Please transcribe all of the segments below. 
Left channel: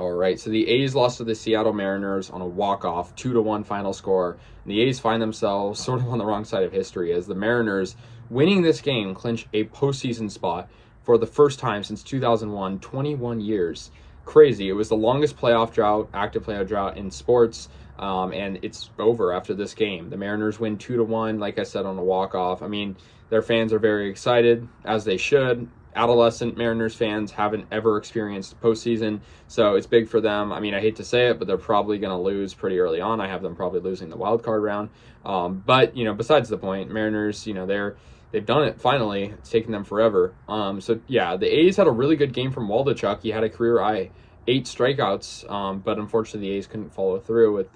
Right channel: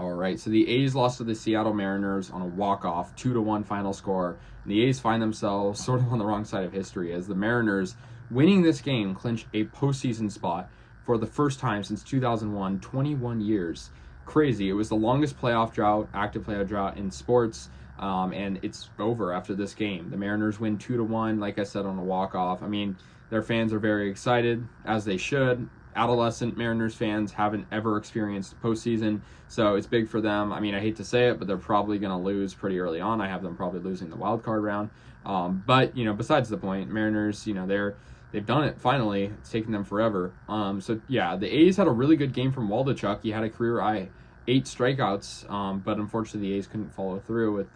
All right, so the A's lost to the Seattle Mariners on a walk-off, 2-1 final score. And the A's find themselves sort of on the wrong side of history as the Mariners, winning this game, clinch a postseason spot for the first time since 2001, 21 years. Crazy. It was the longest playoff drought, active playoff drought in sports, and it's over after this game. The Mariners win 2-1, like I said, on a walk-off. I mean, their fans are very excited, as they should. Adolescent Mariners fans haven't ever experienced postseason, so it's big for them. I mean, I hate to say it, but they're probably going to lose pretty early on. I have them probably losing the wild card round. But besides the point, Mariners, they've done it finally. It's taken them forever. So yeah, the A's had a really good game from Waldichuk. He had a career high 8 strikeouts, but unfortunately the A's couldn't follow through with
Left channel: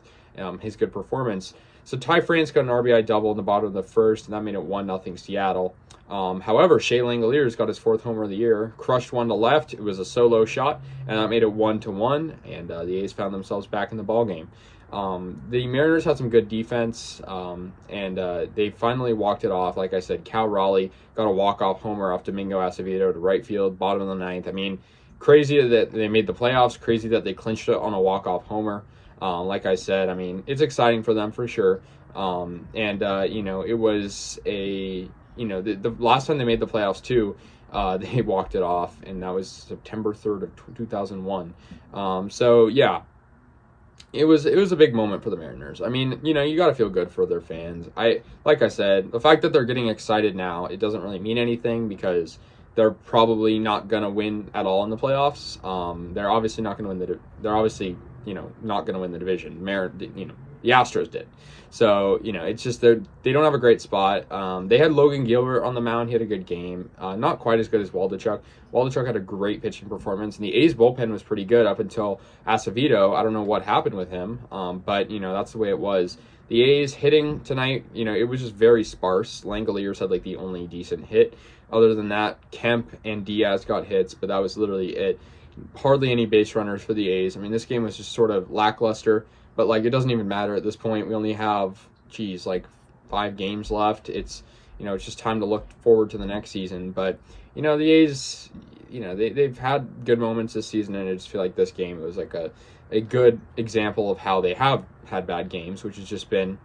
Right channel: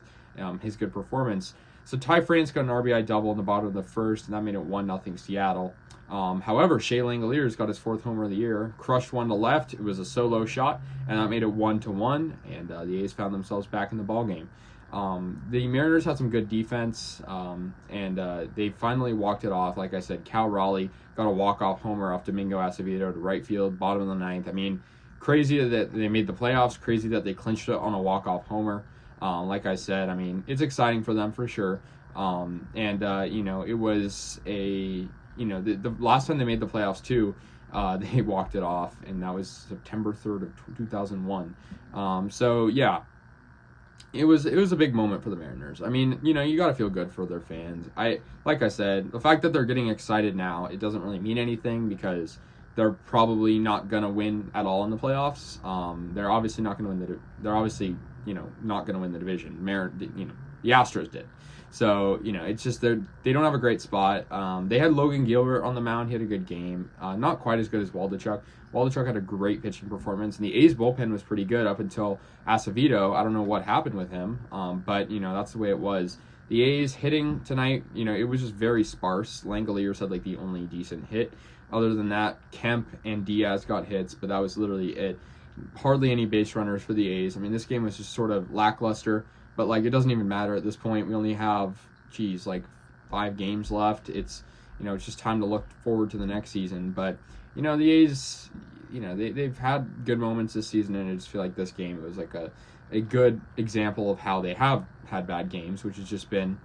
his good performance. So Ty France got an RBI double in the bottom of the first, and that made it 1-0 Seattle. However, Shea Langoliers got his 4th homer of the year, crushed one to left. It was a solo shot, and that made it 1-1, and the A's found themselves back in the ballgame. The Mariners had some good defense, and they finally walked it off. Like I said, Cal Raleigh got a walk-off homer off Domingo Acevedo to right field, bottom of the 9th. I mean, crazy that they made the playoffs, crazy that they clinched it on a walk-off homer. Like I said, I mean, it's exciting for them for sure. It was the last time they made the playoffs too, they walked it off, and that was September 3rd of 2001. So yeah, it was a big moment for the Mariners. I mean, you got to feel good for their fans. Like I said, the fact that they're getting excited now, it doesn't really mean anything because they're probably not gonna win at all in the playoffs. They're obviously not gonna win they're obviously not gonna win the division. The Astros did. So, it's just they don't have a great spot. They had Logan Gilbert on the mound. He had a good game. Not quite as good as Waldichuk. Waldichuk had a great pitching performance, and the A's bullpen was pretty good up until Acevedo. I don't know what happened with him, but, that's the way it was. The A's hitting tonight, it was just very sparse. Langoliers had, the only decent hit. Other than that, Kemp and Diaz got hits, but that was literally it. Hardly any base runners for the A's. I mean, this game was just sort of lackluster. But, it doesn't even matter at this point. We only have, 5 games left. It's, it's just time to look forward to the next season. But, the A's, they've had good moments this season, and I just feel like this game was a good example of how they have had bad games, which has just been,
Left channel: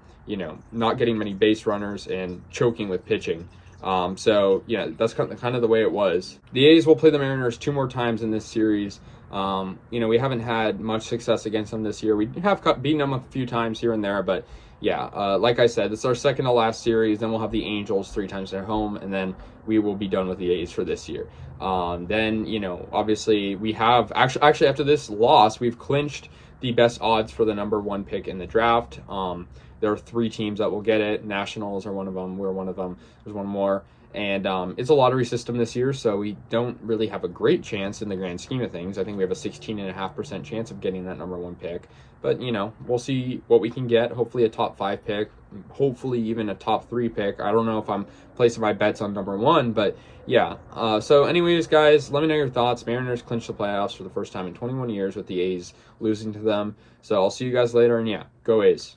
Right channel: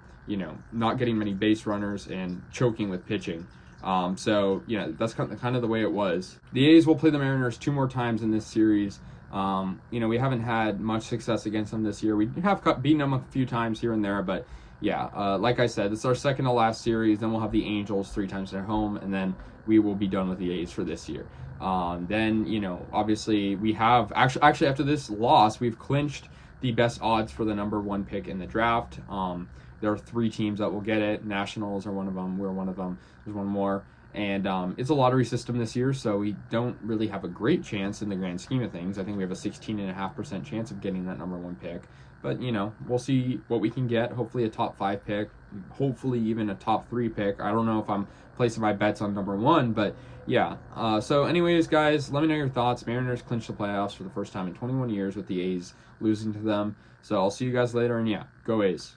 not getting many base runners and choking with pitching. So, that's kind of the way it was. The A's will play the Mariners 2 more times in this series. We haven't had much success against them this year. We have beaten them a few times here and there, but yeah, like I said, it's our second to last series. Then we'll have the Angels 3 times at home, and then we will be done with the A's for this year. Then, obviously we have actually after this loss, we've clinched the best odds for the number 1 pick in the draft. There are 3 teams that will get it. Nationals are one of them. We're one of them. There's one more. And it's a lottery system this year, so we don't really have a great chance in the grand scheme of things. I think we have a 16.5% chance of getting that number 1 pick. But, we'll see what we can get. Hopefully a top 5 pick. Hopefully even a top 3 pick. I don't know if I'm placing my bets on number 1, but yeah. So anyways, guys, let me know your thoughts. Mariners clinched the playoffs for the first time in 21 years with the A's losing to them. So I'll see you guys later, and yeah, go A's.